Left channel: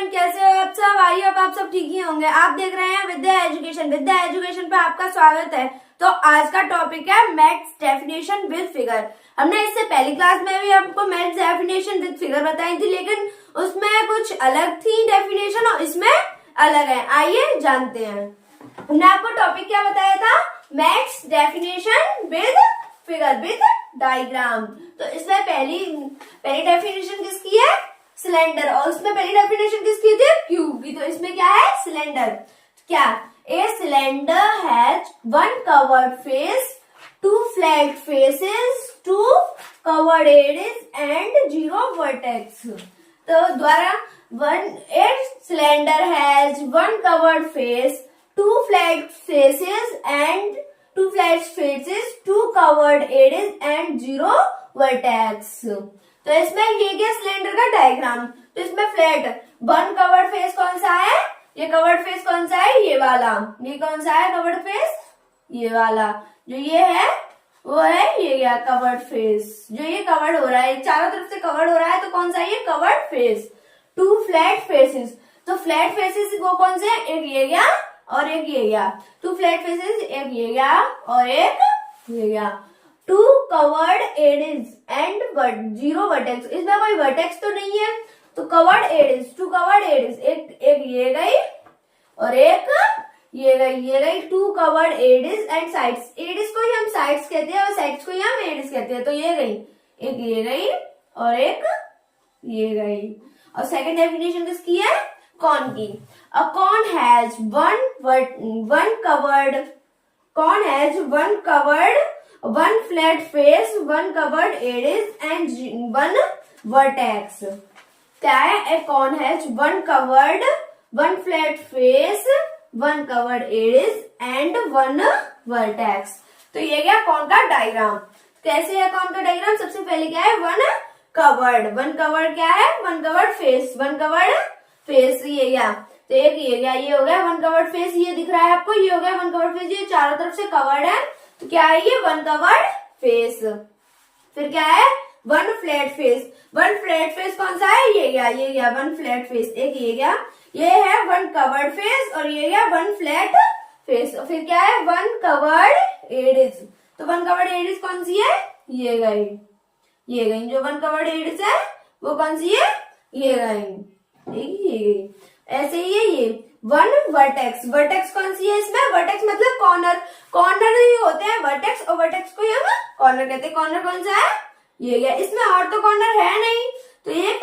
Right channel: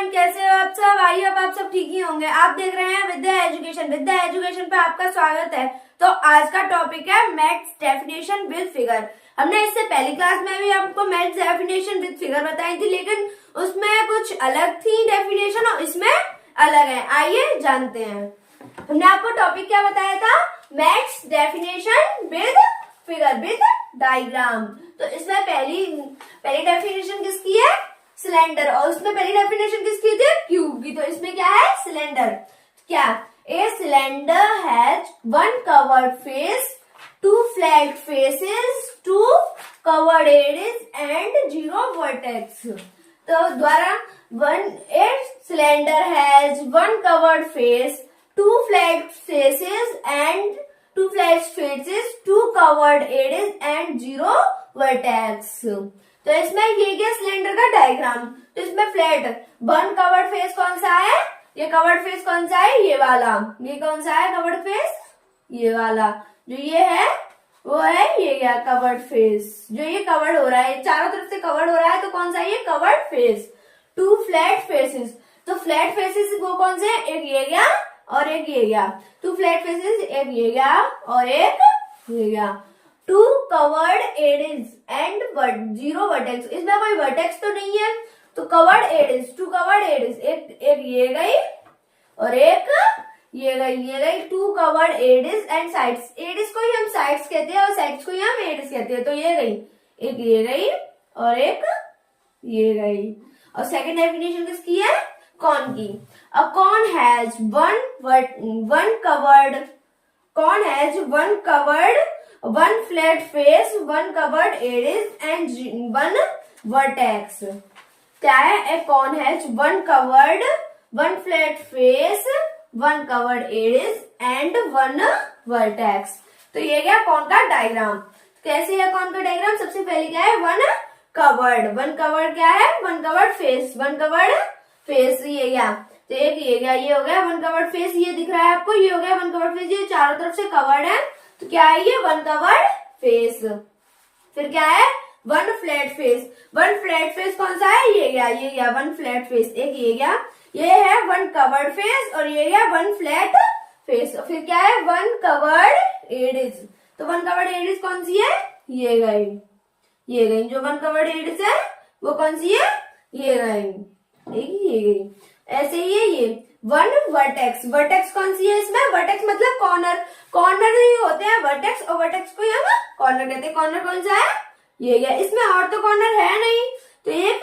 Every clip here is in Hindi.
एवरीवन, कैसे हो आप सब। आइए अब आप सब ठीक ही होंगे। आप देख रहे हैं विद्या एजुकेशन। विद्या एजुकेशन पे आपका स्वागत है। तो आज का टॉपिक है मैथ्स डेफिनेशन विद फिगर। हमने इससे पहली क्लास में भी आपको मैथ्स डेफिनेशन विद फिगर बताई थी, लेकिन उसमें कुछ अलग थी डेफिनेशन और इसमें अलग है। आइए जानते हैं। हमने आपको टॉपिक क्या बताया था? Maths definition with figure with diagram. तो इसमें पहली डेफिनेशन किसकी है? सिलेंडर। और उसमें पहली डेफिनेशन किसकी थी? क्यूब की। तो इसमें क्या है? सिलेंडर। क्या? A cylinder has one curved face, two flat faces, two curved edges and zero vertex. तो द्वारा a cylinder has one curved face, two flat faces and two curved edges and zero vertex. तो इसमें ये क्या? सिलेंडर का डायग्राम। तो इसमें फ्लैट वन कवर्ड फेस कौन सा है? ये कवर्ड फेस कौन सा है? ये वाला। ये कौन सा है कवर्ड फेस? ये वाला। जो ये है वो है ये क्या? Covered face. जो ये कवर्ड हो रहा है, चारों तरफ से कवर्ड हो रहा है, तो कौन सा है? ये curved face. Two flat faces. तो फ्लैट फेसेस वो कौन से है? एक ये गया और एक ये गया। टू फ्लैट फेसेस, एक ये गया और एक ये गया। Two curved edges and zero vertex. इसमें कोई वर्टेक्स तो नहीं है, तो curved edges, two curved edges, एक ये गई और एक ये गई। Two curved edges and sides. Edges को ही हम साइड्स कहते हैं और साइड्स को ही हम एजेस कहते हैं। तो ये गई, एक ये गई और एक ये गई। और सेकंड डेफिनेशन किसकी है? कॉन की। A cone has one curved one flat face, one covered edges and one vertex. क्या है? A cone has one flat face, one covered edges and one vertex. तो ये क्या? कॉन का डायग्राम। कैसे है कॉन का डायग्राम? सबसे पहले क्या है? वन कवर्ड क्या है? One curved face. ये क्या? तो एक ये क्या? ये हो गया वन कवर्ड फेस। ये दिख रहा है आपको? ये हो गया वन कवर्ड फेस। ये चारों तरफ से कवर्ड है, तो क्या है? ये वन कवर्ड फेस। फिर क्या है? One flat face. One flat face कौन सा है? ये गया वन फ्लैट फेस। एक ये गया, ये है वन कवर्ड फेस और ये गया वन फ्लैट फेस। और फिर क्या है? One curved edges. तो वन कवर्ड एजेस कौन सी है? ये गई। जो वन कवर्ड एजेस है वो कौन सी है? ये गई। ऐसे ही है ये वन वर्टेक्स कौन सी है? इसमें वर्टेक्स मतलब कॉर्नर नहीं होते हैं वर्टेक्स, और वर्टेक्स को हम कॉर्नर कहते हैं। कॉर्नर कौन सा है? ये गया। इसमें और तो कॉर्नर है नहीं, तो एक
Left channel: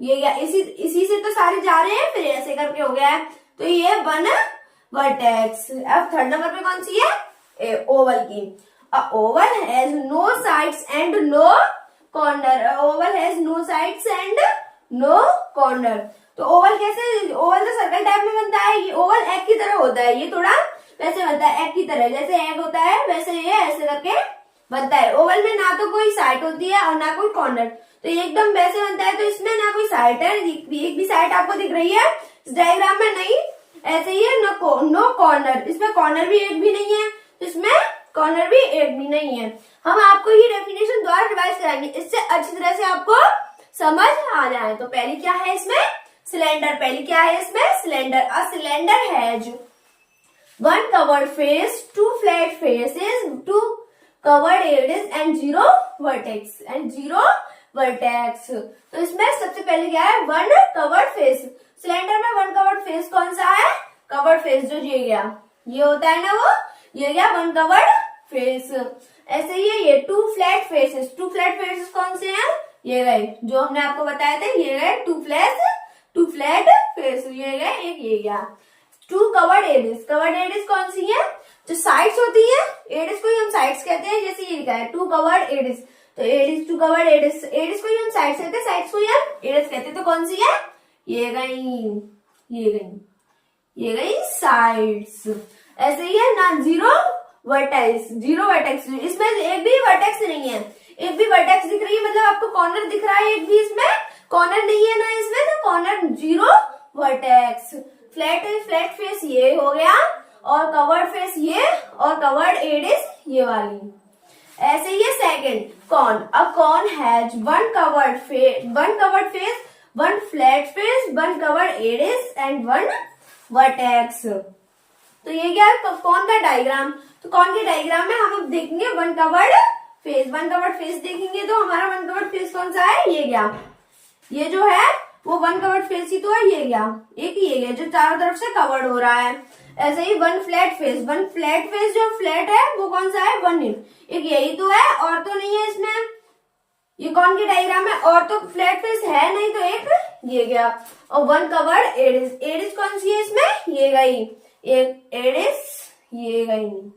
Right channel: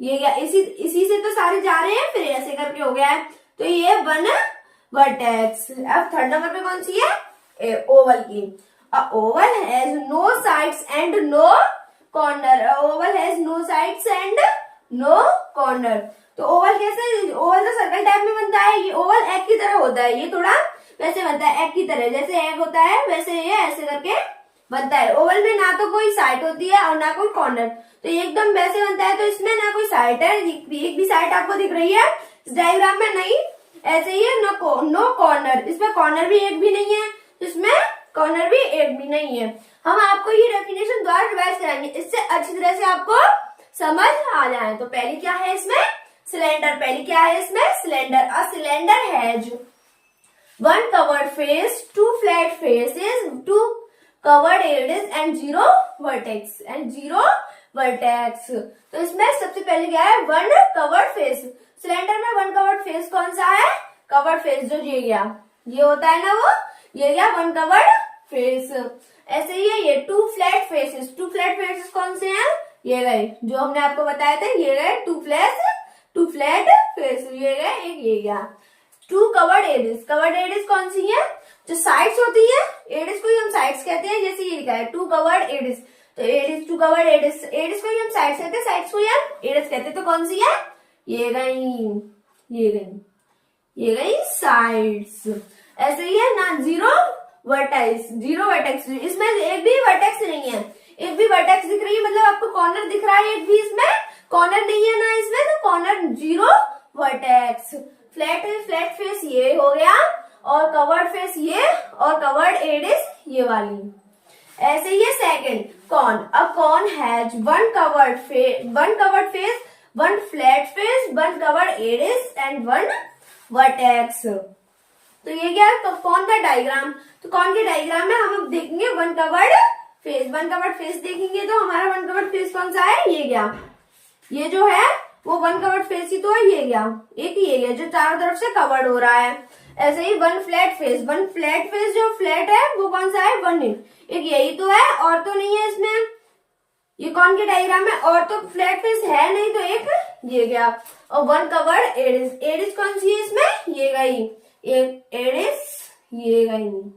ये गया। इसी से तो सारे जा रहे हैं, फिर ऐसे करके हो गया है। तो ये वन वर्टेक्स। अब थर्ड नंबर पे कौन सी है? ओवल की। Oval has no sides and no corner. तो ओवल कैसे? ओवल तो सर्कल टाइप में बनता है। ये ओवल एग की तरह होता है। ये थोड़ा वैसे बनता है एग की तरह, जैसे एग होता है वैसे ये ऐसे करके बनता है। ओवल में ना तो कोई साइड होती है और ना कोई कॉर्नर, तो ये एकदम वैसे बनता है। तो इसमें ना कोई साइड है, एक भी साइड आपको दिख रही है इस डायग्राम में? नहीं। ऐसे ही है नो कॉर्नर। इसमें कॉर्नर भी एक भी नहीं है, तो इसमें कॉर्नर भी एक भी नहीं है। हम आपको ये डेफिनेशन द्वारा रिवाइज कराएंगे, इससे अच्छी तरह से आपको समझ आ जाए। तो पहली क्या है इसमें? सिलेंडर। पहली क्या है इसमें? Cylinder. A cylinder has one curved face, two flat faces, two curved edges and zero vertex. तो इसमें सबसे पहले क्या है? One curved face. सिलेंडर में वन कवर्ड फेस कौन सा है? Curved face. जो ये गया, ये होता है ना, वो ये गया वन कवर्ड फेस। ऐसे ही है ये two flat faces. Two flat faces कौन से हैं? ये गए, जो हमने आपको बताए थे। ये गए टू फ्लैट फेस। ये गए, एक ये गया। Two curved edges. Curved edges कौन सी है? जो साइड्स होती है, एजेस को ही हम साइड्स कहते हैं। जैसे ये लिखा है टू कवर्ड एजेस, तो एजेस टू कवर्ड एजेस को ही हम साइड्स कहते हैं, साइड्स को ही हम एजेस कहते हैं। तो कौन सी है? ये गई साइड्स। ऐसे ही है ना जीरो वर्टेक्स। इसमें एक भी वर्टेक्स नहीं है। एक भी वर्टेक्स दिख रही है मतलब आपको कॉर्नर दिख रहा है, एक भी इसमें कॉर्नर नहीं है ना इसमें, तो corner zero vertex. Flat face ये हो गया और कवर्ड फेस ये और कवर्ड एजेस ये वाली। ऐसे ही second cone. A cone has one curved face, one flat face, one curved area and one vertex. तो ये क्या है, कौन का डायग्राम, तो कौन के डायग्राम में हम अब देखेंगे one curved face. One curved face देखेंगे तो हमारा वन कवर्ड फेस कौन सा है, ये गया, ये जो है वो वन कवर्ड फेस ही तो है, ये गया, एक ये गया जो चारों तरफ से कवर्ड हो रहा है। ऐसे ही one flat face, one flat face जो फ्लैट है वो कौन सा है, वन, एक यही तो है और तो नहीं है इसमें। ये कौन के डायग्राम है, और तो फ्लैट फेस है नहीं तो एक ये गया। और वन कवर्ड एडिस, एडिस कौन सी है इसमें, ये गई, एक एडिस ये गई।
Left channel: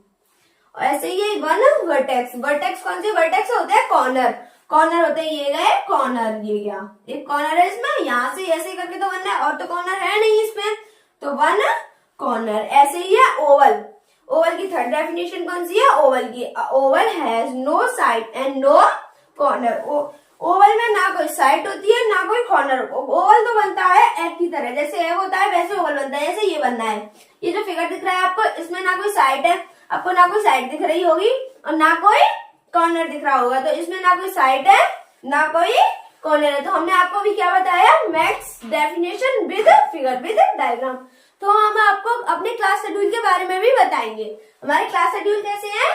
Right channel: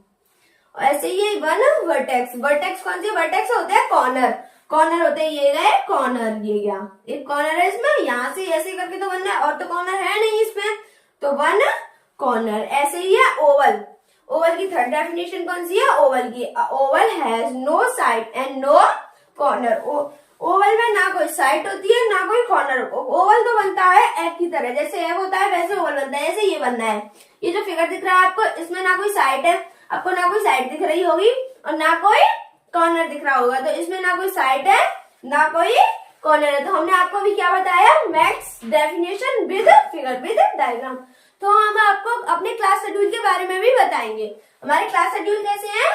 ऐसे ही वन वर्टेक्स, वर्टेक्स कौन सी, वर्टेक्स होते हैं कॉर्नर, कॉर्नर होते हैं, ये गए कॉर्नर, ये गया एक कॉर्नर है इसमें, यहाँ से ऐसे करके तो वन है और तो कॉर्नर है नहीं इसमें, तो वन कॉर्नर। ऐसे ही है ओवल, ओवल की थर्ड डेफिनेशन कौन सी है, ओवल की, oval has no side and no corner. Oval में ना कोई साइड होती है ना कोई कॉर्नर। ओवल तो बनता है एग की तरह, जैसे एग होता है वैसे ओवल बनता है, जैसे ये बनना है। ये जो फिगर दिख रहा है आपको, इसमें ना कोई साइड है, आपको ना कोई साइड दिख रही होगी और ना कोई कॉर्नर दिख रहा होगा, तो इसमें ना कोई साइड है ना कोई कॉर्नर है। तो हमने आपको भी क्या बताया, maths definition with figure with diagram. तो हम आपको अपने क्लास शेड्यूल के बारे में भी बताएंगे। हमारे क्लास शेड्यूल कैसे है,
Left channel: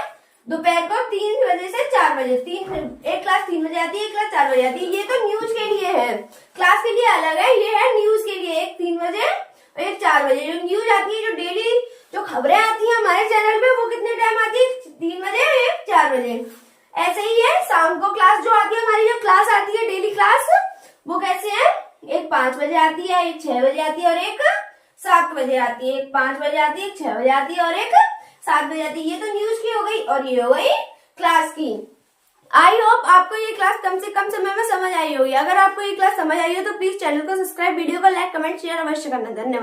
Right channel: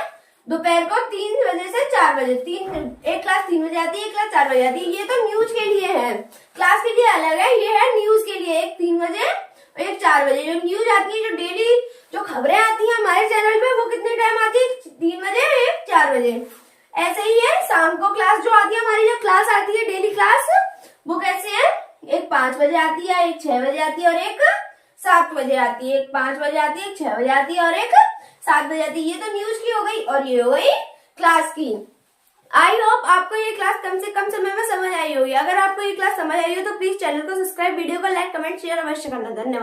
दोपहर को 3 बजे से 4 बजे, एक क्लास 3 बजे आती है, एक क्लास 4 बजे आती है। ये तो न्यूज के लिए है, क्लास के लिए अलग है, ये है न्यूज के लिए, एक 3 बजे और एक 4 बजे। जो न्यूज आती है, जो डेली जो खबरें आती है हमारे चैनल पे, वो कितने टाइम आती है, 3 बजे एक 4 बजे। ऐसे ही है शाम को क्लास जो आती है, हमारी जो क्लास आती है डेली क्लास, वो कैसे है, एक 5 बजे आती है, एक 6 बजे आती है और एक 7 बजे आती है। एक 5 बजे आती है, एक 6 बजे आती है और एक 7 बजे आती है। ये तो न्यूज की हो गई और ये हो गई क्लास की। आई होप आपको ये क्लास कम से कम समय में समझ आई होगी। अगर आपको ये क्लास समझ आई हो तो प्लीज चैनल को सब्सक्राइब, वीडियो को लाइक, कमेंट, शेयर अवश्य करना। धन्यवाद।